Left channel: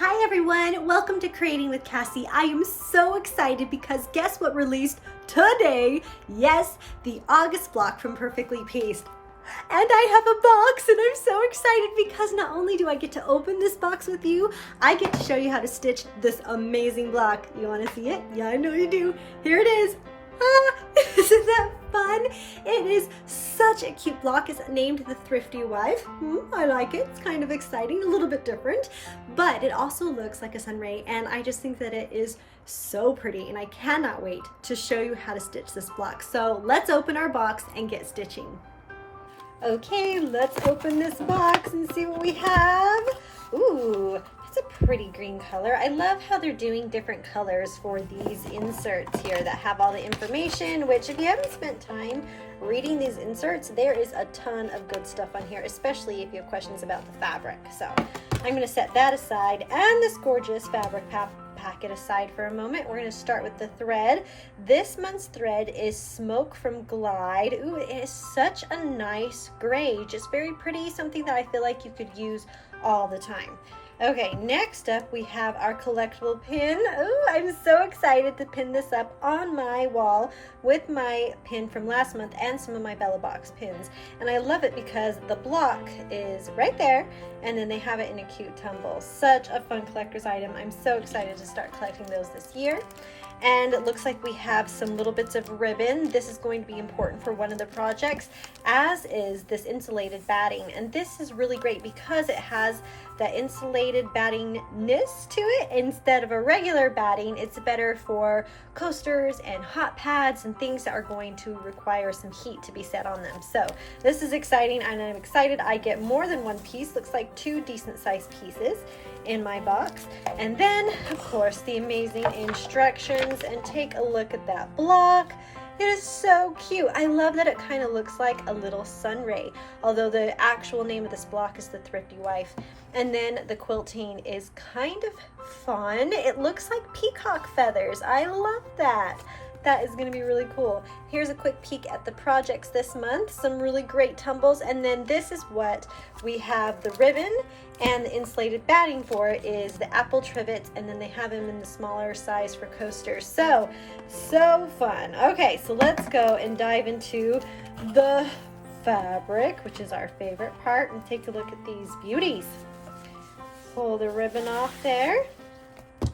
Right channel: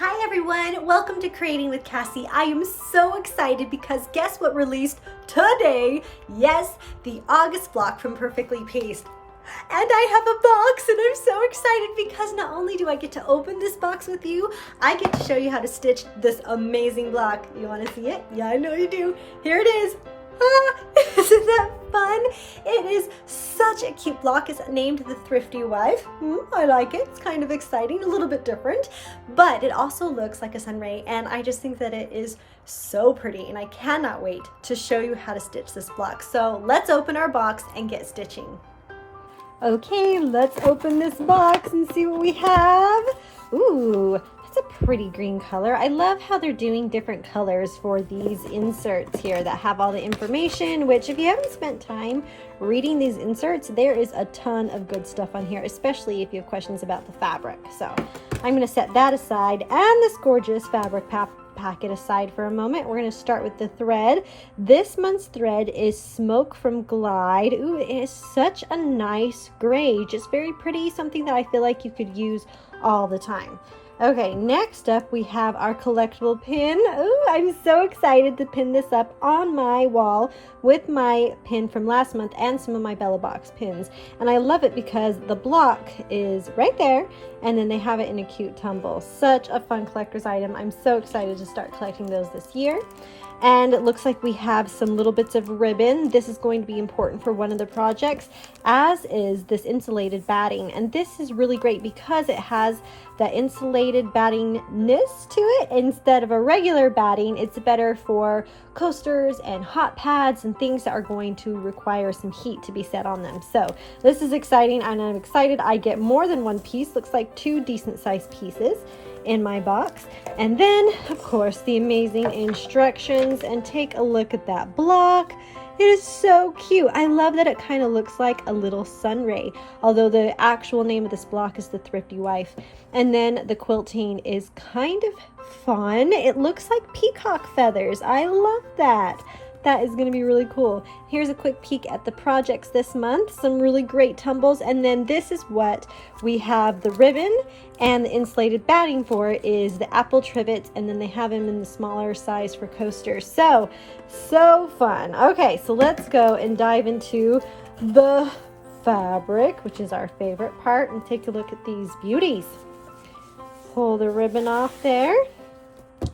Hi everyone, welcome to Creating with Cassie. I am so excited because guess what released today? Yes, the August block from Perfectly Pieced. And I have a box and I'm so excited because not only do I get to open this box with you, I get to show you how to stitch this amazing block. You want to see it? Yeah, I know you do. Here it is. Isn't that fun? It is such a cute block. It's named the Thrifty Wife. I like it. It's kind of exciting, a little bit different, but it also looks like a sunray, and I just think that it is so pretty, and I cannot wait to show you how to stitch this block. So let's open our box and get stitching. Okay, let's open this box and see what we have. Ooh, that's a pretty green color. I love how they're doing different colors for these inserts here that have all the information, which if you haven't spent time reading these inserts, there is a ton of good stuff on here, especially if you have questions about the fabric. So I'm going to set that aside and this gorgeous fabric packet aside for a moment. We're going to start with the thread. This month's thread is Smoke from Glide. Ooh, it is such a nice gray, just very pretty, something that I feel like you could use all the time. Okay, next up we have our collectible pin. Ooh, I'm so excited to pin this up on my wall with my pin from last month and some of my Bella Box pins. And I love it because the block is right there and then they have it in a cute tumble. Such a fun collector's item. I'm so excited to start collecting those this year. And it looks like we have some little bits of ribbon. This is going to be important for one of the projects, as is this insulated batting. And this is really great because it has the insulated battingness to it. Instead of a regular batting, it's better for coasters and hot pads and things that are going to require some heat to be set on them. So this is exciting, and I'm excited I get more than one piece. Looks like 2 decent sized pieces in my box. And then of course the amazing instructions, and take a look at that block. It is so cute. I love that it kind of looks like a little sunray, although the actual name of this block is the Thrifty Wife. And then the quilting is kind of fun. It looks like peacock feathers. I love that. That is going to be really cool. Here's a quick peek at the projects this month. Some really great tumbles. And then this is what we have the ribbon and the insulated batting for is the apple trivet. And then they have them in the smaller size for coasters. So fun. Okay, so let's go and dive into the fabric, which is our favorite part, and take a look at these beauties. Pull the ribbon off there.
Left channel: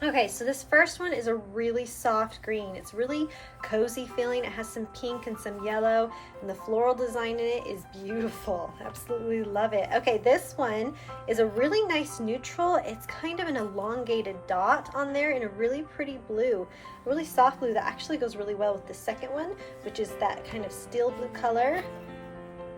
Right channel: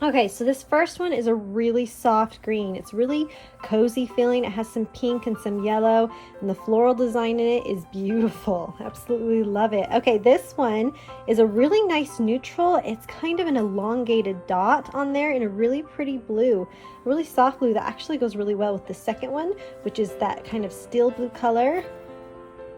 Okay, so this first one is a really soft green. It's really cozy feeling. It has some pink and some yellow, and the floral design in it is beautiful. Absolutely love it. Okay, this one is a really nice neutral. It's kind of an elongated dot on there in a really pretty blue, a really soft blue that actually goes really well with the second one, which is that kind of steel blue color.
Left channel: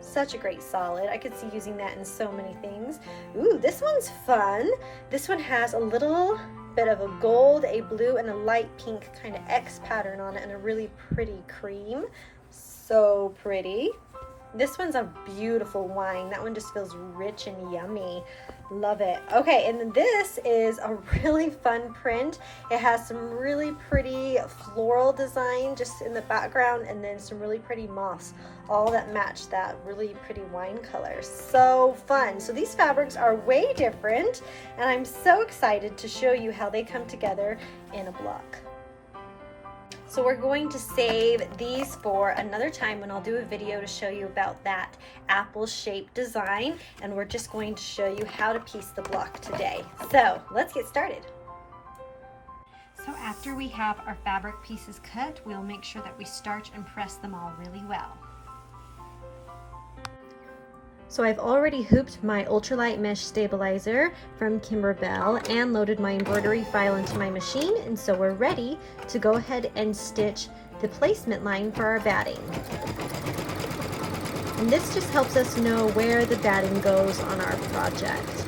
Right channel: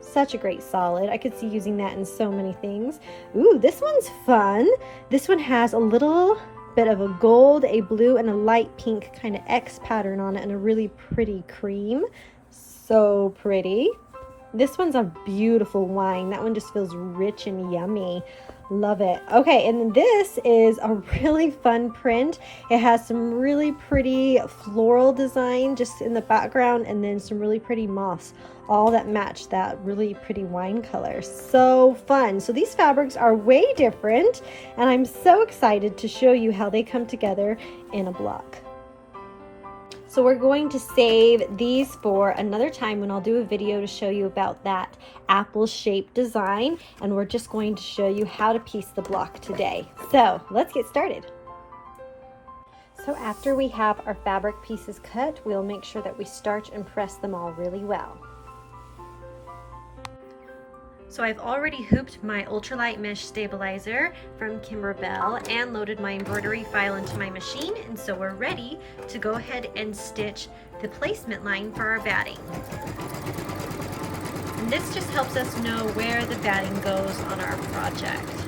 Such a great solid. I could see using that in so many things. Ooh, this one's fun. This one has a little bit of a gold, a blue, and a light pink kind of X pattern on it, and a really pretty cream. So pretty. This one's a beautiful wine. That one just feels rich and yummy. Love it. Okay, and then this is a really fun print. It has some really pretty floral design just in the background, and then some really pretty moss, all that match that really pretty wine color. So fun. So these fabrics are way different, and I'm so excited to show you how they come together in a block. So we're going to save these for another time when I'll do a video to show you about that apple shaped design, and we're just going to show you how to piece the block today. So let's get started. So after we have our fabric pieces cut, we'll make sure that we starch and press them all really well. So I've already hooped my ultralight mesh stabilizer from Kimberbell and loaded my embroidery file into my machine, and so we're ready to go ahead and stitch the placement line for our batting. And this just helps us know where the batting goes on our project.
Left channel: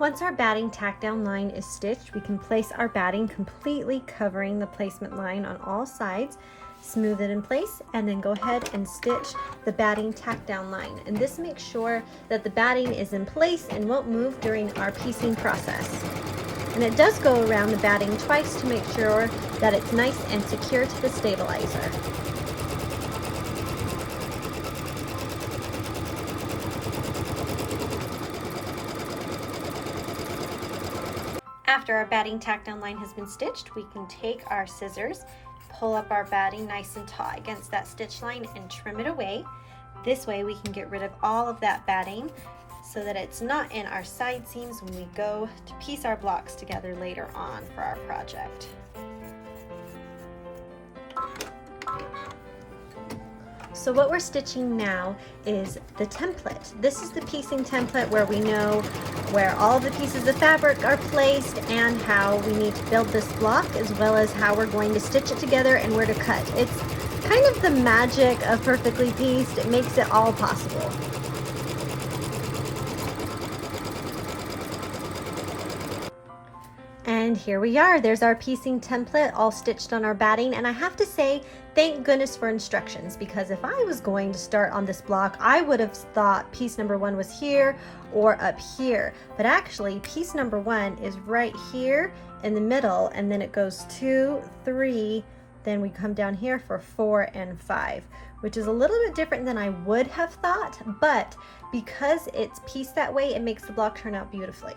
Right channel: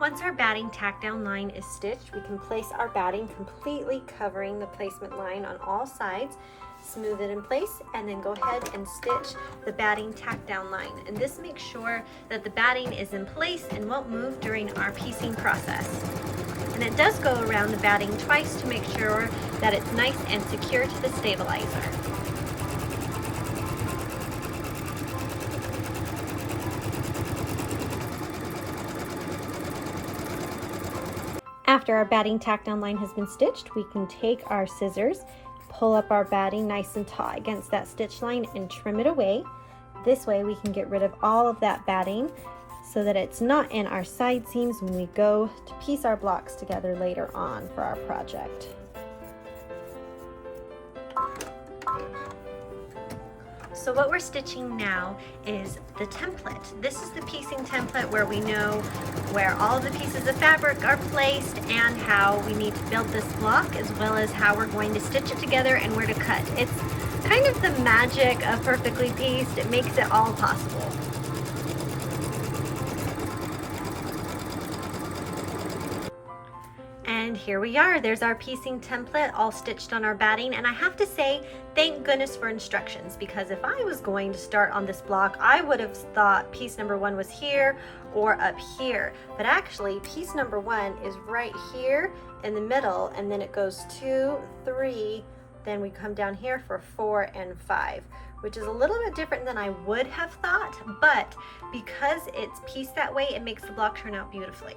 Once our batting tack down line is stitched, we can place our batting completely covering the placement line on all sides, smooth it in place, and then go ahead and stitch the batting tack down line. And this makes sure that the batting is in place and won't move during our piecing process. And it does go around the batting twice to make sure that it's nice and secure to the stabilizer. After our batting tack down line has been stitched, we can take our scissors, pull up our batting nice and taut against that stitch line and trim it away. This way we can get rid of all of that batting so that it's not in our side seams when we go to piece our blocks together later on for our project. So what we're stitching now is the template. This is the piecing template where we know where all of the pieces of fabric are placed and how we need to build this block, as well as how we're going to stitch it together and where to cut. It's kind of the magic of Perfectly Pieced. It makes it all possible. And here we are, there's our piecing template all stitched on our batting, and I have to say, thank goodness for instructions, because if I was going to start on this block, I would have thought piece number 1 was here or up here, but actually piece number 1 is right here in the middle, and then it goes 2, 3, then we come down here for 4 and 5, which is a little bit different than I would have thought, but because it's pieced that way, it makes the block turn out beautifully.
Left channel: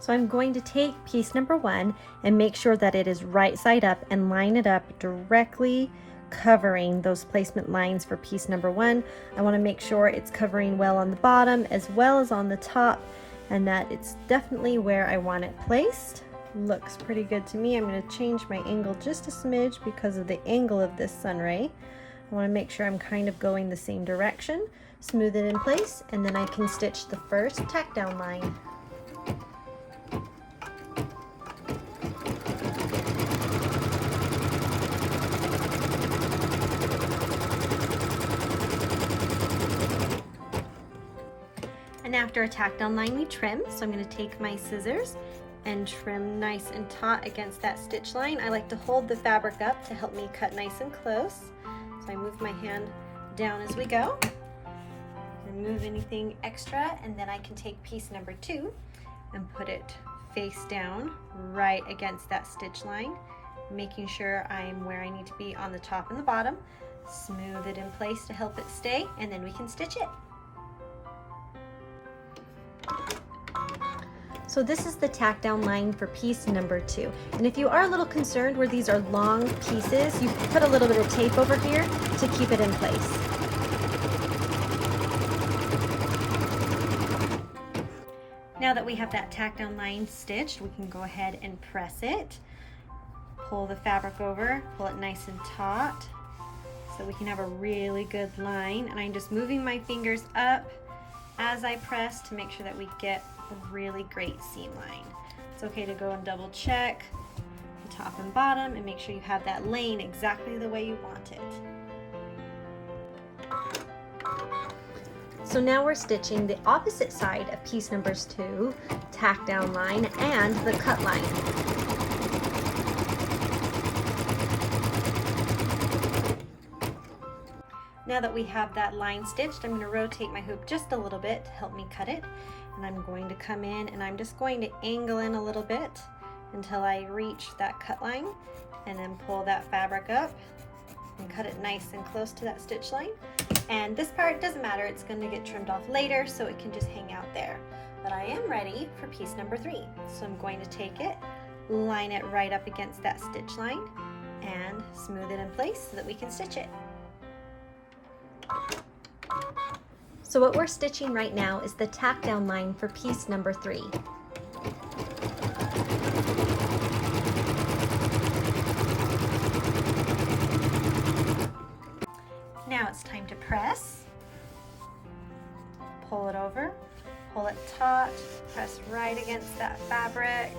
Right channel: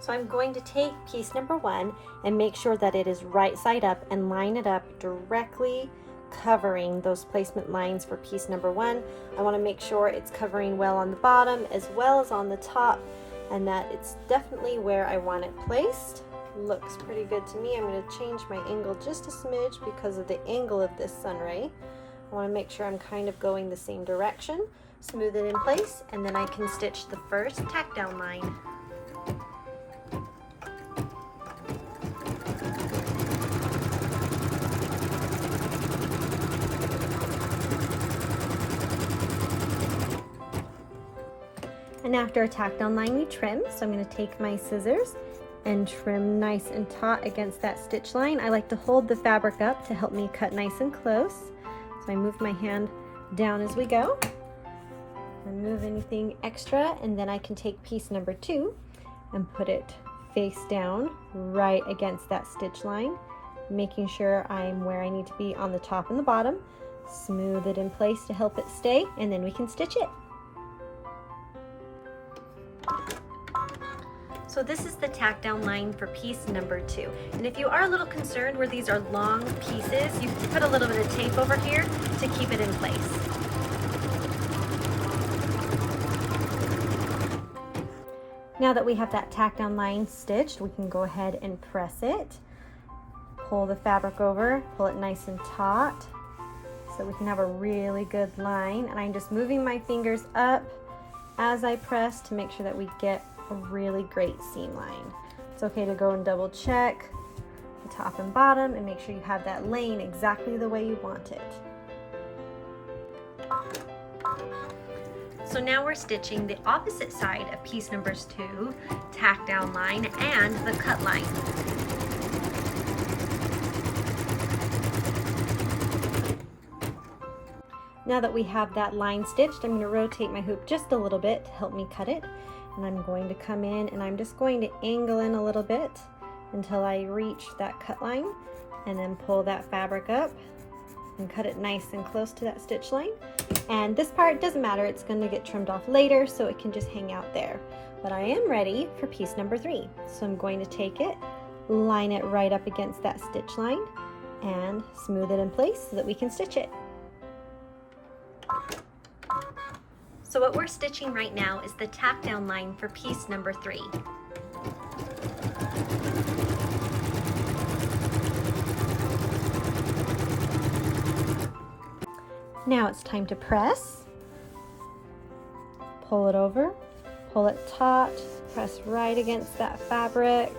So I'm going to take piece number 1 and make sure that it is right side up and line it up directly covering those placement lines for piece number 1. I want to make sure it's covering well on the bottom as well as on the top, and that it's definitely where I want it placed. Looks pretty good to me. I'm going to change my angle just a smidge because of the angle of this sunray. I want to make sure I'm kind of going the same direction, smooth it in place, and then I can stitch the first tack down line. And after a tack down line, we trim. So I'm going to take my scissors and trim nice and taut against that stitch line. I like to hold the fabric up to help me cut nice and close. So I move my hand down as we go. Remove anything extra, and then I can take piece number 2 and put it face down right against that stitch line, making sure I'm where I need to be on the top and the bottom. Smooth it in place to help it stay, and then we can stitch it. So this is the tack down line for piece number 2. And if you are a little concerned where these are long pieces, you can put a little bit of tape over here to keep it in place. Now that we have that tack down line stitched, we can go ahead and press it. Pull the fabric over, pull it nice and taut so we can have a really good line. And I'm just moving my fingers up as I press to make sure that we get a really great seam line. It's okay to go and double check the top and bottom and make sure you have that lane exactly the way you want it. So now we're stitching the opposite side of piece number 2, tack down line, and the cut line. Now that we have that line stitched, I'm going to rotate my hoop just a little bit to help me cut it. And I'm going to come in and I'm just going to angle in a little bit until I reach that cut line, and then pull that fabric up and cut it nice and close to that stitch line. And this part doesn't matter, it's going to get trimmed off later, so it can just hang out there. But I am ready for piece number 3. So I'm going to take it, line it right up against that stitch line, and smooth it in place so that we can stitch it. So what we're stitching right now is the tack down line for piece number 3. Now it's time to press. Pull it over, pull it taut, press right against that fabric,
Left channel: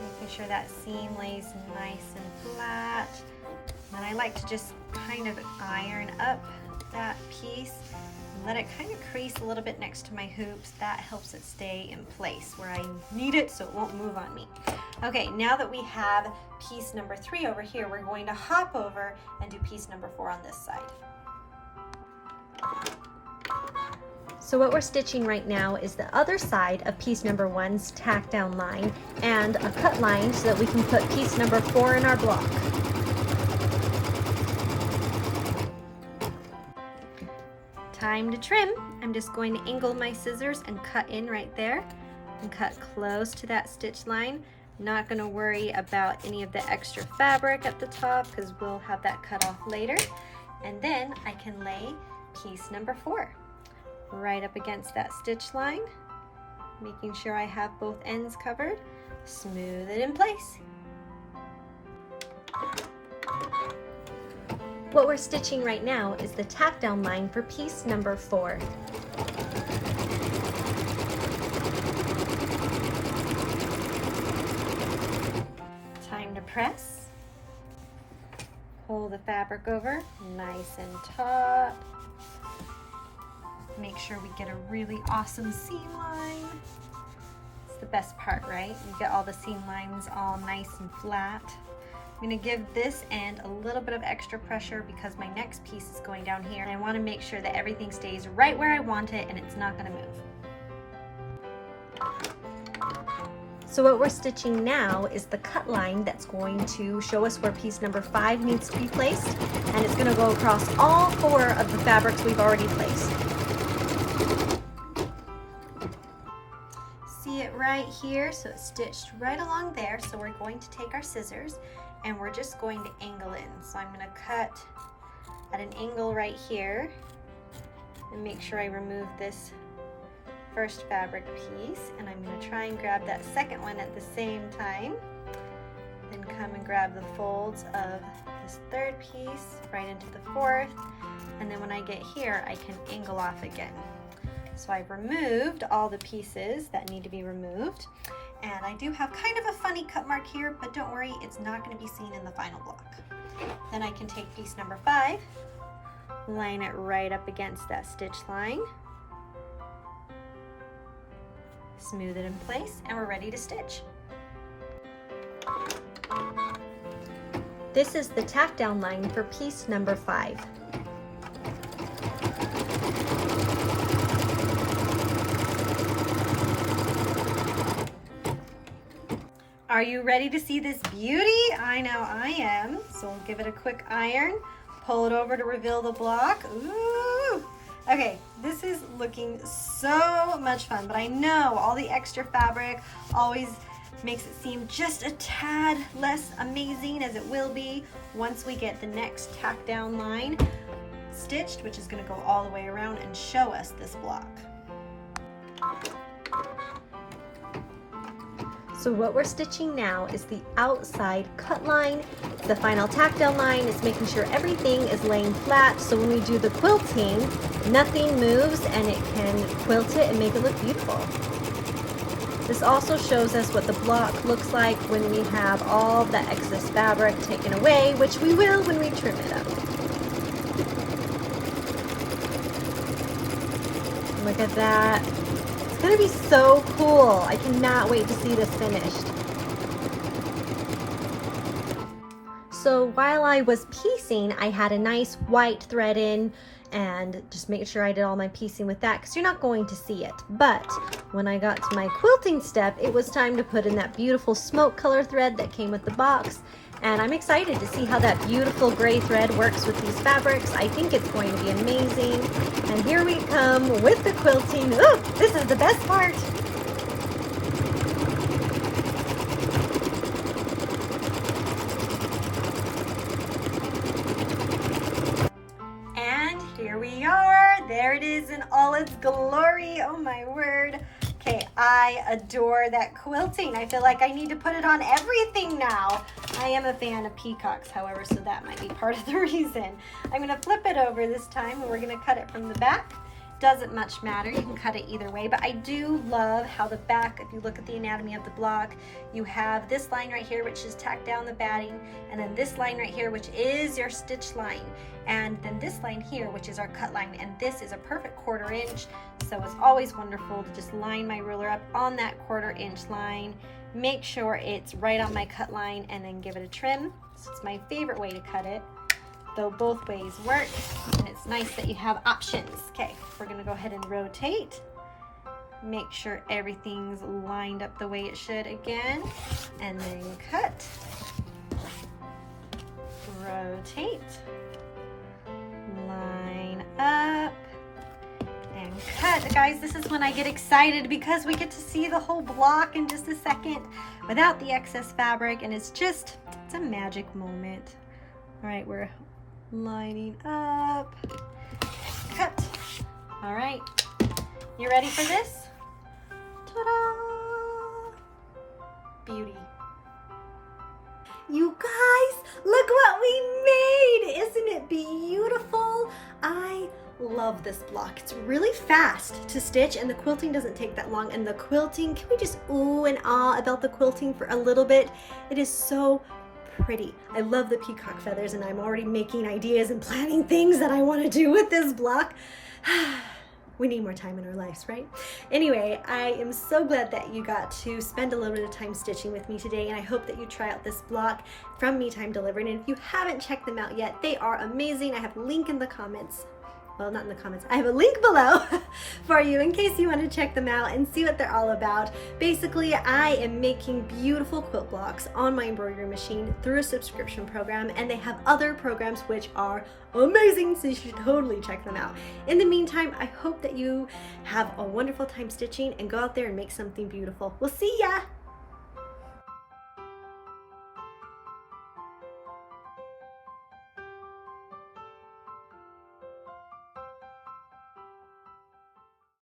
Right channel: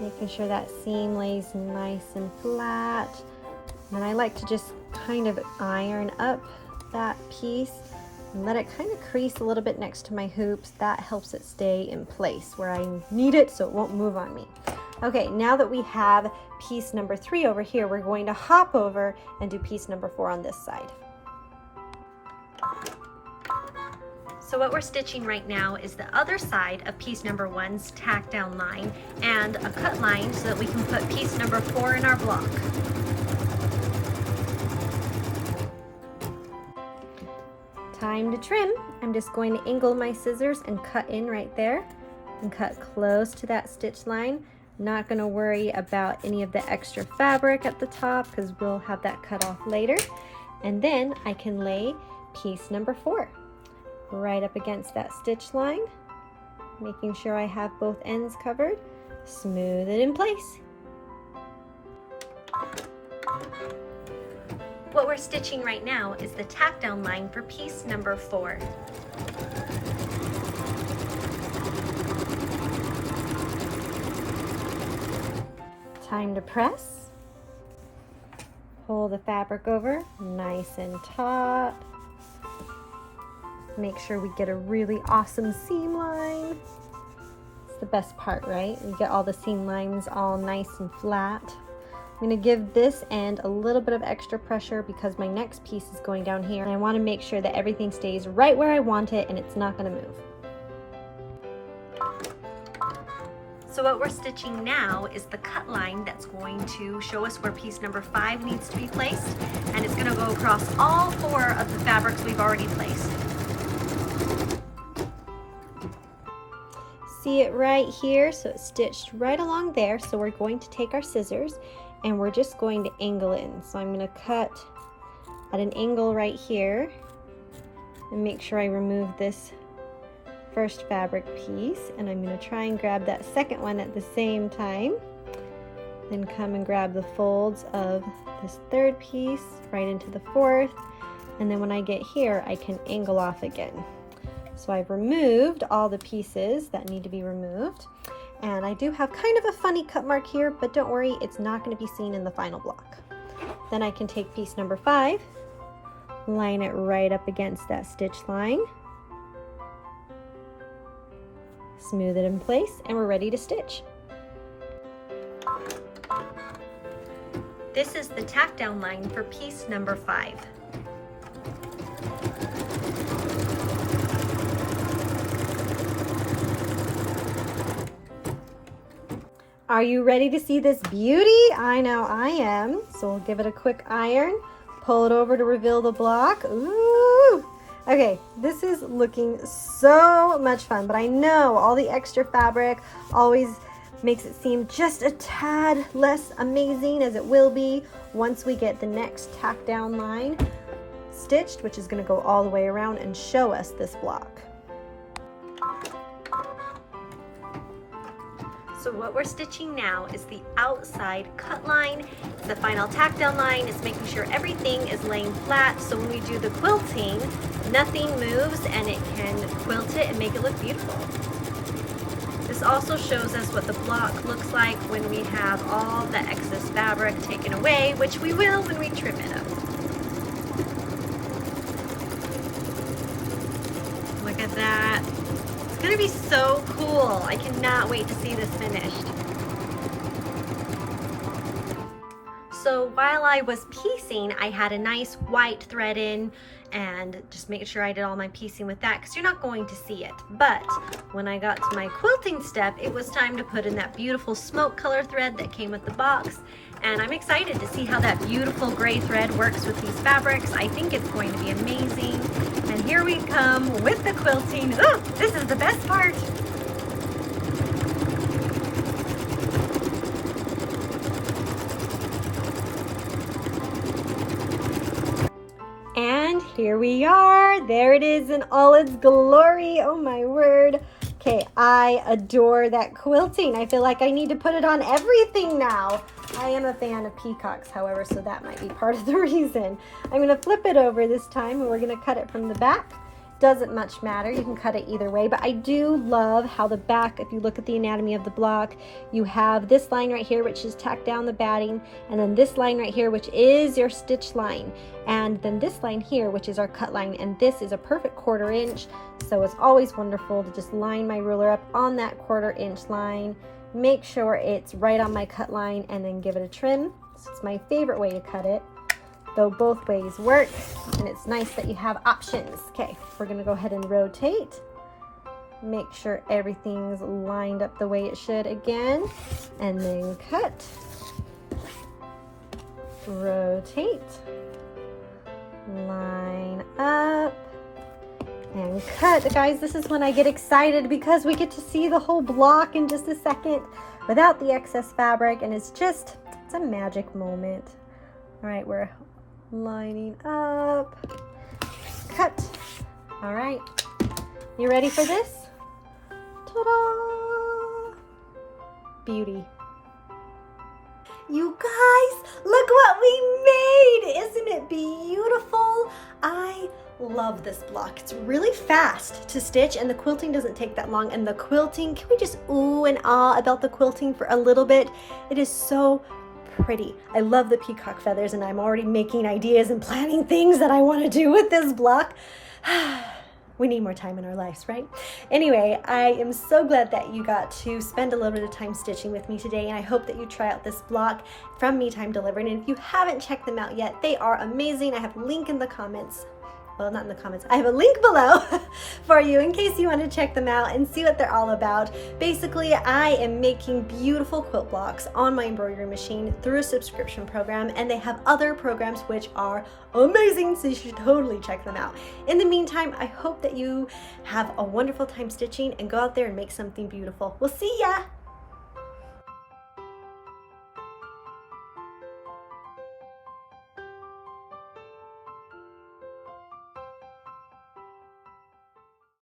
making sure that seam lays nice and flat. And I like to just kind of iron up that piece and let it kind of crease a little bit next to my hoops. That helps it stay in place where I need it so it won't move on me. Okay, now that we have piece number 3 over here, we're going to hop over and do piece number 4 on this side. So what we're stitching right now is the other side of piece number 1's tack down line and a cut line so that we can put piece number 4 in our block. Time to trim. I'm just going to angle my scissors and cut in right there. and cut close to that stitch line. Not going to worry about any of the extra fabric at the top because we'll have that cut off later. And then I can lay piece number 4 right up against that stitch line, making sure I have both ends covered. Smooth it in place. What we're stitching right now is the tack down line for piece number 4. Time to press. Pull the fabric over nice and taut. Make sure we get a really awesome seam line. It's the best part, right? We get all the seam lines all nice and flat. I'm going to give this end a little bit of extra pressure because my next piece is going down here, and I want to make sure that everything stays right where I want it and it's not going to move. So what we're stitching now is the cut line that's going to show us where piece number 5 needs to be placed, and it's going to go across all 4 of the fabrics we've already placed. See it right here? So it's stitched right along there. So we're going to take our scissors and we're just going to angle it in. So I'm going to cut at an angle right here and make sure I remove this first fabric piece, and I'm going to try and grab that second one at the same time. Then come and grab the folds of this third piece right into the fourth, and then when I get here I can angle off again. So I've removed all the pieces that need to be removed, and I do have kind of a funny cut mark here, but don't worry, it's not going to be seen in the final block. Then I can take piece number 5, line it right up against that stitch line, smooth it in place, and we're ready to stitch. This is the tack down line for piece number 5. Are you ready to see this beauty? I know I am. So we'll give it a quick iron, pull it over to reveal the block. Ooh! Okay, this is looking so much fun, but I know all the extra fabric always makes it seem just a tad less amazing, as it will be once we get the next tack down line stitched, which is going to go all the way around and show us this block. So what we're stitching now is the outside cut line. The final tack down line is making sure everything is laying flat, so when we do the quilting, nothing moves and it can quilt it and make it look beautiful. This also shows us what the block looks like when we have all the excess fabric taken away, which we will when we trim it up. Look at that. It's gonna be so cool. I cannot wait to see this finished. So while I was piecing, I had a nice white thread in and just making sure I did all my piecing with that, because you're not going to see it. But when I got to my quilting step, it was time to put in that beautiful smoke color thread that came with the box. And I'm excited to see how that beautiful gray thread works with these fabrics. I think it's going to be amazing. And here we come with the quilting. Ooh, this is the best part. And here we are. There it is in all its glory. Oh my word. Okay, I adore that quilting. I feel like I need to put it on everything now. I am a fan of peacocks, however, so that might be part of the reason. I'm going to flip it over this time, and we're going to cut it from the back. Doesn't much matter, you can cut it either way, but I do love how the back, if you look at the anatomy of the block, you have this line right here, which is tacked down the batting, and then this line right here, which is your stitch line, and then this line here, which is our cut line, and this is a perfect 1/4 inch, so it's always wonderful to just line my ruler up on that 1/4 inch line, make sure it's right on my cut line, and then give it a trim. So it's my favorite way to cut it, though both ways work, and it's nice that you have options. Okay, we're gonna go ahead and rotate. Make sure everything's lined up the way it should again, and then cut. Rotate. Line up, and CapCut. Guys, this is when I get excited because we get to see the whole block in just a second without the excess fabric, and it's a magic moment. All right, we're lining up. Cut. All right, you ready for this? Ta-da! Beauty. You guys, look what we made! Isn't it beautiful? I love this block. It's really fast to stitch and the quilting doesn't take that long. And the quilting, can we just ooh and ah about the quilting for a little bit? It is so pretty. I love the peacock feathers and I'm already making ideas and planning things that I want to do with this block. We need more time in our lives, right? Anyway, I am so glad that you got to spend a little bit of time stitching with me today, and I hope that you try out this block from Me Time Delivered. And if you haven't checked them out yet, they are amazing. I have a link in the comments. Well, not in the comments. I have a link below for you in case you want to check them out and see what they're all about. Basically, I am making beautiful quilt blocks on my embroidery machine through a subscription program, and they have other programs which are amazing, so you should totally check them out. In the meantime, I hope that you have a wonderful time stitching and go out there and make something beautiful. We'll see ya!